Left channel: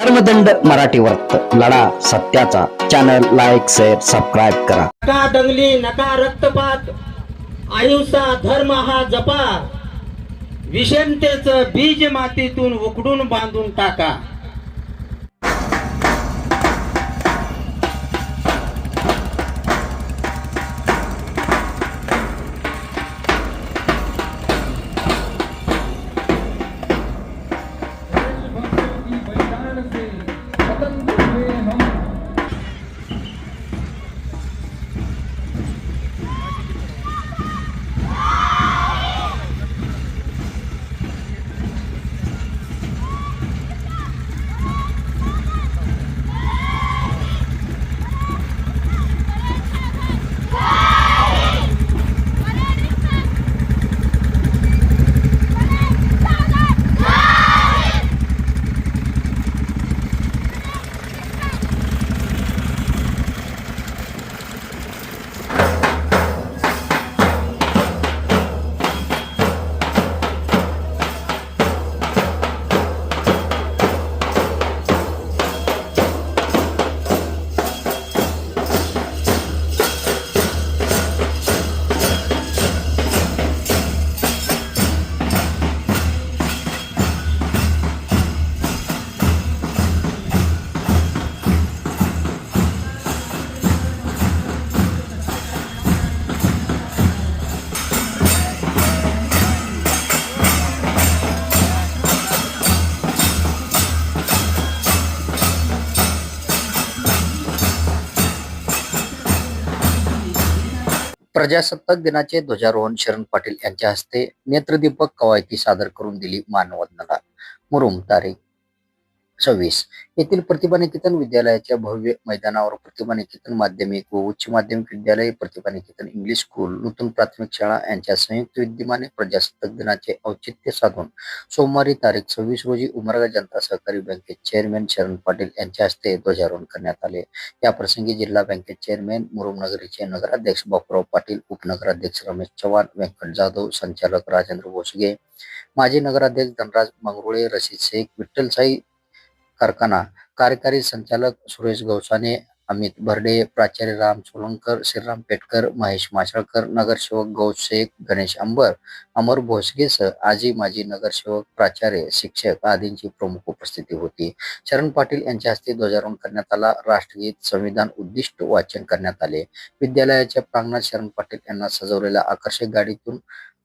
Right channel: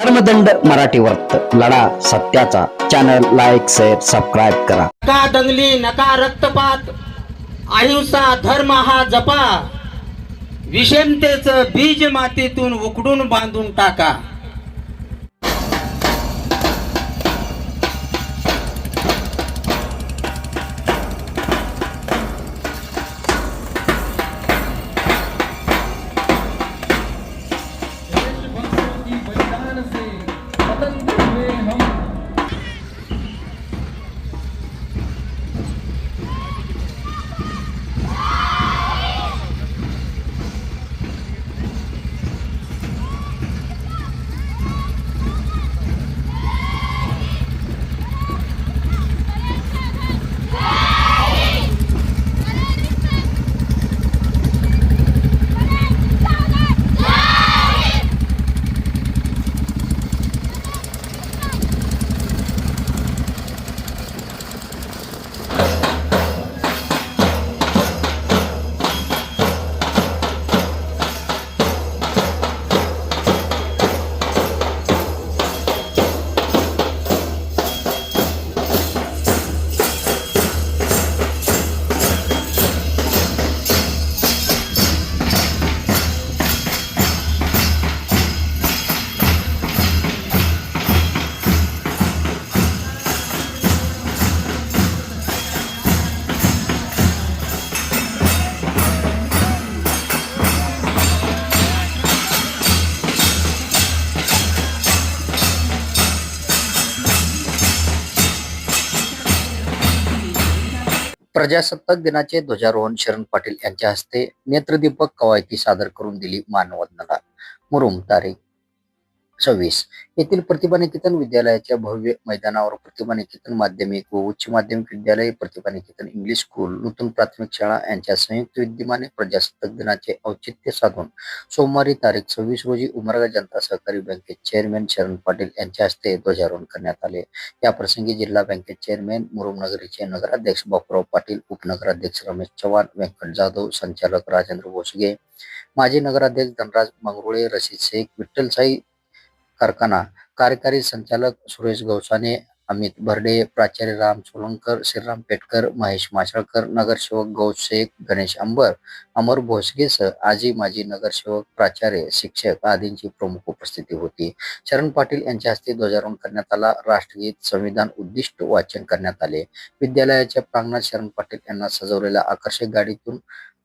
धर्मदंड मराठी वर्त लढा सत्याचा चॅनल लाईक शेअर सबस्क्राईब करा। नका दंगली नका रक्तपात, अहिंसा धर्म हा जपा, विषमतेचं बीज मातीतून उकडून बांधून टाका। प्रजासत्ताक दिनाचे ध्वजारोहण शरण पाटील यांच्या हस्ते नेत्रदीपक कवायती सादर करून दिली मानवंदना। मुरुम तारीख 26 येथील प्रतिभा निकेतन विद्यालयाच्या भव्य मैदानावर प्रतिभा निकेतन माध्यमिक व उच्च माध्यमिक विद्यालय, प्रतिभा निकेतन इंग्लिश स्कूल, नूतन प्राथमिक शाळा यांच्या संयुक्त विद्यमाने प्रजासत्ताक दिनाचे औचित्य साधून सोमवारी तारीख 26 रोजी उमरगा जनता सहकारी बँकेत चेअरमॅन शरण पाटील यांच्या हस्ते ध्वजारोहण करण्यात आले। या प्रसंगी जिल्हा बँकेत चेअरमॅन मुरुम नगरीचे नगराध्यक्ष बापूराव पाटील, उपनगराध्यक्ष रमेश चव्हाण, व्यंकट जाधव, संचालक राजेंद्र भोसगे, माजी नगराध्यक्ष धनराज मंगरुळे, रशीद शेख, विठ्ठलसाई कारखाना कार्यकारी संचालक सुरेश गौसाने, अमित भरडे, प्राचार्य राम सोलंकर, श्रीराम पेटकर, महेश माशळकर, नगरसेवक गौस शेख, गणेश अंबर, अमर भोसगेसह आजी माजी नगरसेवक, प्राचार्य, शिक्षक आदींची प्रमुख उपस्थिती होती। शरण पाटील यांच्या हस्ते ध्वजारोहण करण्यात आला। राष्ट्रगीत, संविधान उद्दिष्ट वाचन करण्यात आले। विद्यालयाच्या प्रांगणात शरण पाटील यांना सजवलेल्या आकर्षक गाडीतून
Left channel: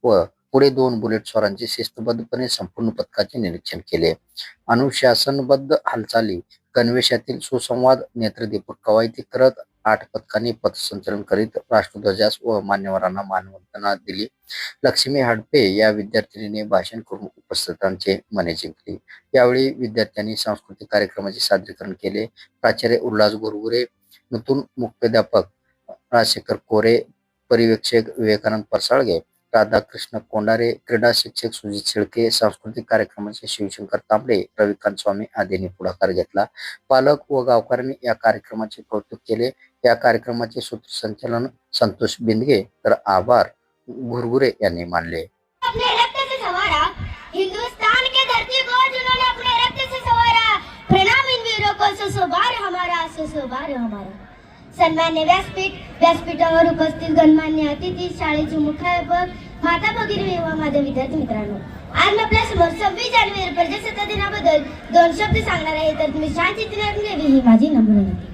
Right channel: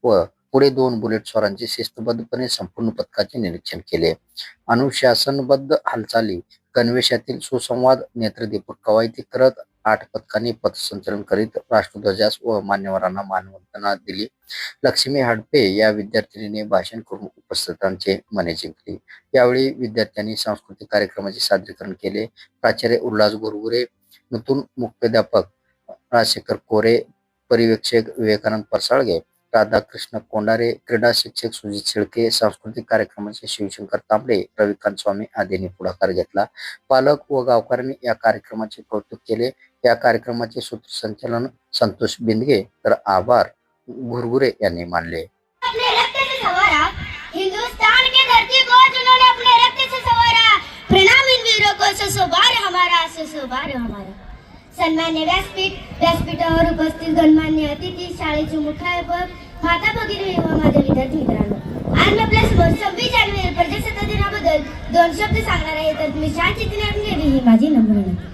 व पुढे 2 बुलेट स्वारांचे शिस्तबद्धपणे संपूर्ण पथकाचे निरीक्षण केले। अनुशासनबद्ध हालचाली, गणवेशातील सुसंवाद, नेत्रदीपक कवायती करत 8 पथकांनी पथसंचलन करीत राष्ट्रध्वजास व मान्यवरांना मानवंदना दिली। लक्ष्मी हडपे या विद्यार्थिनीने भाषण करून उपस्थितांचे मने जिंकली। यावेळी विद्यार्थ्यांनी सांस्कृतिक कार्यक्रमाचे सादरीकरण केले। प्राचार्य उल्हास गुरगुरे, नूतन मुख्याध्यापक राजशेखर कोरे, पर्यवेक्षक विवेकानंद परसाळगे, राधाकृष्ण कोंडारे, क्रीडा शिक्षक सुजित शेळके, सांस्कृतिक कार्यक्रमाचे शिवशंकर तांबडे, रविकांत स्वामी आदींनी पुढाकार घेतला। पालक व गावकऱ्यांनी या कार्यक्रमाचे कौतुक केले। या कार्यक्रमाचे सूत्रसंचालन संतोष बिंदगे तर आभार गुरगुरे यांनी मानले। हिंदुस्तान की धरती को जिन्होंने अपने रक्त से संवारा, प्रणाम इन वीरों को, सुशोभार हमारा, सुशोभार हमारा। सन्मान्य व्यासपीठावर उपस्थित गणमान्य अतिथी, शाळेचे मुख्याध्यापक, माता भगिनी व माझे विद्यार्थी मित्रांनो, आज मी आपल्या समोर 26 जानेवारी प्रजासत्ताक दिनाबद्दल 2 शब्द सांगणार आहे, तर तुम्ही शांतचित्त ऐकून घ्यावी ही माझी नम्र विनंती।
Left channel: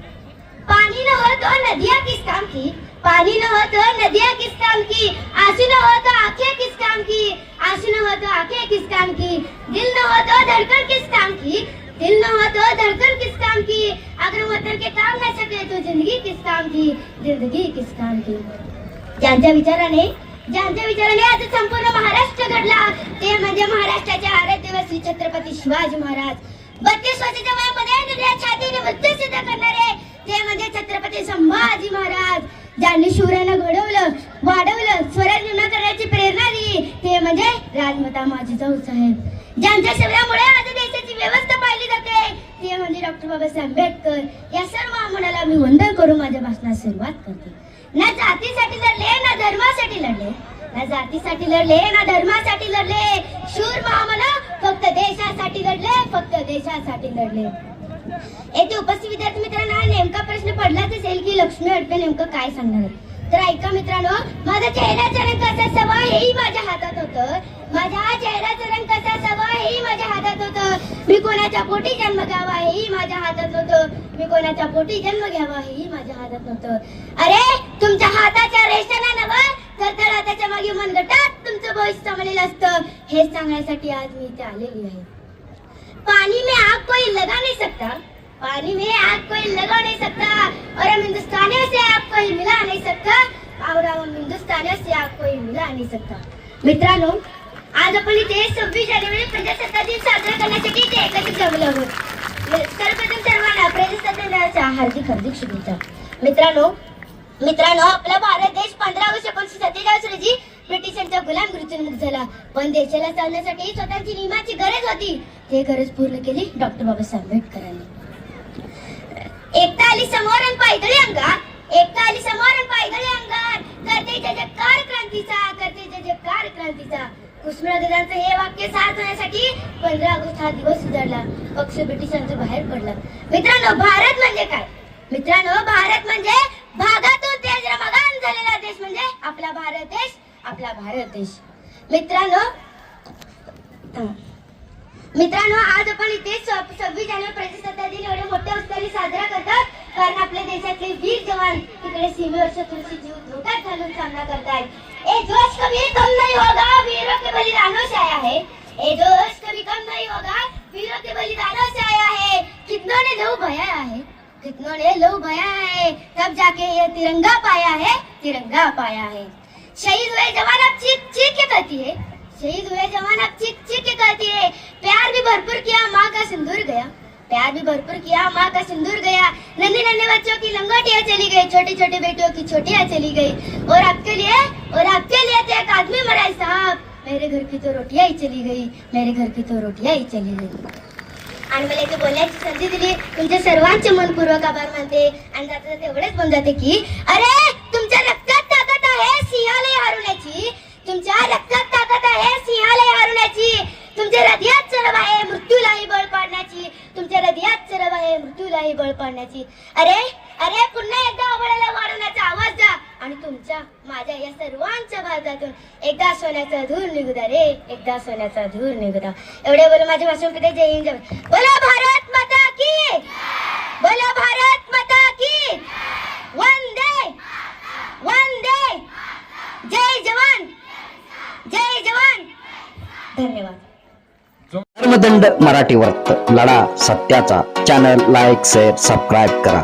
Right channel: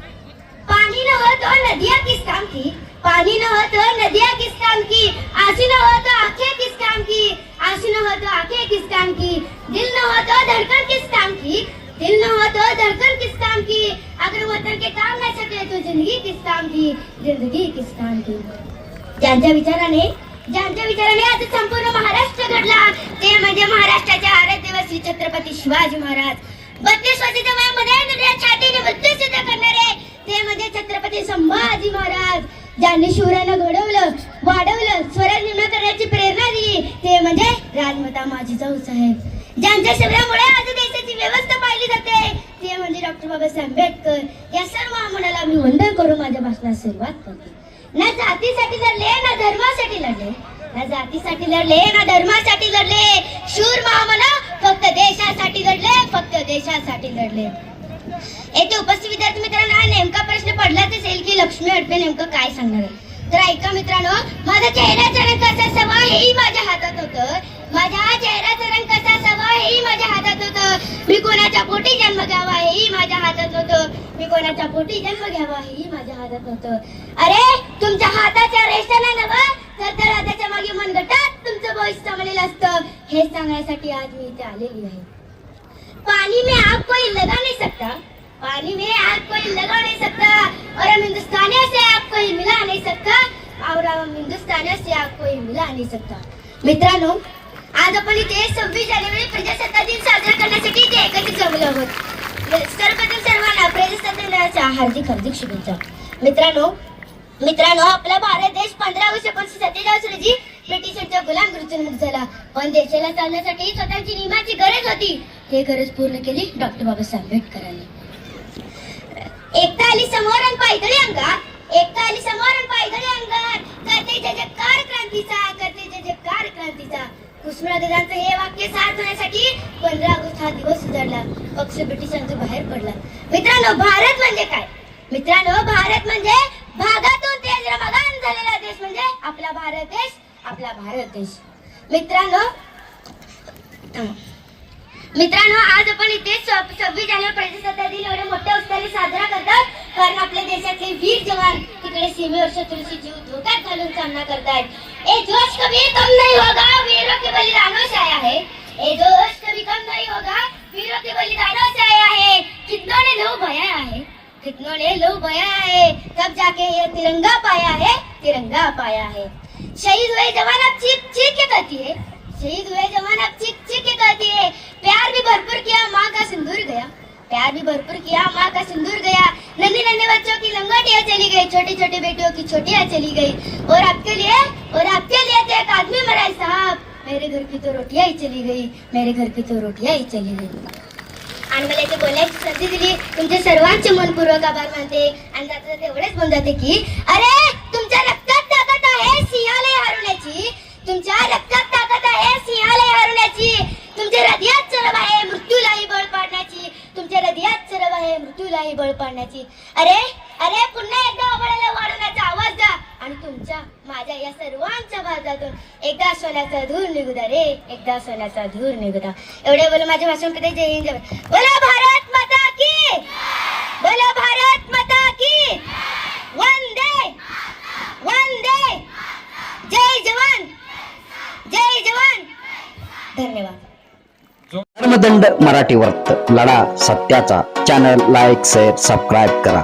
पानी न हो तो नदियां किस काम की, पानी न हो तो नदियां किस काम की, आंसू न हो तो आंखें किस काम की, आंसू न हो तो आंखें किस काम की, दिल न हो तो धड़कन किस काम की, दिल न हो तो धड़कन किस काम की, अगर वतन के काम न सके तो जिंदगी किस काम की, जिंदगी किस काम की। ज्यांच्या विचाराने आज संपूर्ण महाराष्ट्र घडला ते म्हणजे महाराष्ट्राचे आराध्य व श्री छत्रपती शिवाजी महाराज। 32 वर्षाच्या वयामध्ये दुनिया छातीने मृत्यू सिद्ध करणारे ते म्हणजे छत्रपती संभाजी महाराज। ज्यांनी शूरांना घडवलं, वाढवलं, स्वराज्य निर्माण करण्याची प्रेरणा दिली ते म्हणजे राजमाता माझी साहेब। ज्यांच्या शौर्यामुळे आज देशाची व्यवस्था पाहिली जाते ते म्हणजे डॉक्टर बाबासाहेब आंबेडकर। या सर्व आम्हाला मी वंदन करून माझ्या भाषणास सुरुवात करते। ना जातीसाठी लढले, ना धर्मासाठी लढले, ना जातीसाठी लढले, ना धर्मासाठी लढले, शूर महामना फक्त देशासाठी लढले, फक्त देशासाठी लढले। येथे उपस्थित विद्यार्थी मित्रांना नेमका प्रश्न पडलाच असेल की लक्ष्मी अडपे नेमकं काय सांगणार आहे. तर ऐका मित्रांनो, माझा चेहऱ्याचा रंग कसा असावा हेही माझ्या हातात होतं. माझ्या चेहऱ्याचा रंग कसा असावा हेही माझ्या हातात होतं. मी कोणाच्या पोटी जन्म घ्यावा हेही माझ्या हातात होतं. मी कोणाच्या पोटी जन्म घ्यावा हेही माझ्या हातात होतं. अरे तुमच्या हाताच्या रेषाला नवा तर हाताच्या मागे मनगटात तुमचं भविष्य सामावलेलं असतं. हे सांगण्यासाठी आज मी इथे आलेली आहे. पानी में आग कोई लगा नहीं सकता, पानी में आग कोई लगा नहीं सकता, और हम हिंदुस्तानियों से आग कोई मिला नहीं सकता, और हम हिंदुस्तानियों से आग कोई मिला नहीं सकता. मित्रांनो, आज आपण इथे 26 जानेवारी प्रजासत्ताक दिन साजरा करण्यासाठी इथे एकत्रित जमलो आहोत. सर्वप्रथम सर्वांना प्रजासत्ताक दिनाच्या हार्दिक शुभेच्छा. मित्रांनो, आपला भारत देश 15 ऑगस्ट 1947 रोजी ब्रिटिशांच्या गुलामगिरीतून मुक्त झाला. पण देशाला चालण्यासाठी स्वतःची नियमाची गरज होती. ते गरज पूर्ण केली डॉक्टर बाबासाहेब आंबेडकरांनी. एकता आली समोर आणि पायदळी अंगात, एकता आली समोर आणि पायदळी अंगात, करते जयजयकार क्रांतीचा, करते जयजयकार क्रांतीचा. कृष्णराजांचं हे वाक्य सार्थण्यासाठी 15 ऑगस्ट हा दिवस सुधारला. पक्ष ब्रिटिशांचा बाहेर पडला. मित्रांनो, भारत म्हणजे काय? मित्रांनो, भारत म्हणजे भागातून देश रमगान झालेला देश म्हणजे आपला भारत देश, आपला भारत देश. मित्रांनो, आज आपण इथे 26 जानेवारी प्रजासत्ताक दिन एवढ्या मोठ्या उत्साहाने साजरा करतात कारण आपल्या देशातले वीर जवान तिकडे सीमेवर शत्रूची जीव धोक्यात घालून सामना करतायत. ए जोश कभी कम नहीं होगा, वीरों के बलिदानों से आया है. ए जोश कभी कम नहीं होगा, वीरों के बलिदानों से आया है. कितनों ने लहू बहाया है, कितनों ने लहू बहाया है, तब जाके ये तिरंगा पाया है, तिरंगा पाया है. शहीद हुए जवान अब चीख चीख के कहती है, शहीद हुए जवान अब चीख चीख के कहती है. प्यार भी भरपूर किया, माँ का सिंदूर गया, प्यार भी भरपूर किया, माँ का सिंदूर गया. नन्हे नन्हे बच्चों की लंगोटियाँ चली गई, छोटी छोटी बेटियों की छोटियाँ चली गई. और आपके लिए तो एक आदमी मरा है साहब. मेरे घर की तो रोटियाँ ही चली गई, मेरे घर की तो रोटियाँ ही चली गई. आणि मला इथे बोलायची संधी दिली. तुमचे सर्वांचे मनपूर्वक आभार मानते. आणि जाता जाता एवढेच म्हणून जाते की अरे तुमच्या रक्तात ताकद आहे सिंहाला हरवण्याची, तुमच्या रक्तात ताकद आहे सिंहाला हरवण्याची. तुमच्या हृदयात चरब आहे मृत्यूलाही बळ पाडण्याची, तुमच्या हृदयात चरब आहे मृत्यूलाही बळ पाडण्याची. अरे अरे पुन्हा एकदा आभाळाला वाढवण्याचा आवाज द्या आणि तुमच्या माझ्या या सर्वांच्या भारतातून एकदा सोन्याचा धूर निघू द्या रे, एकदा सोन्याचा धूर निघू द्या. एवढे बोलून माझे भाषण करते. जय हिंद, जय बोला भारत माता की, बोला भारत माता की. वंदे वंदे, जय जवान, जय जवान. धन्यवाद. धर्मदंड मराठी वर्त लढा सत्याचा. चॅनल लाईक शेअर सबस्क्राईब करा.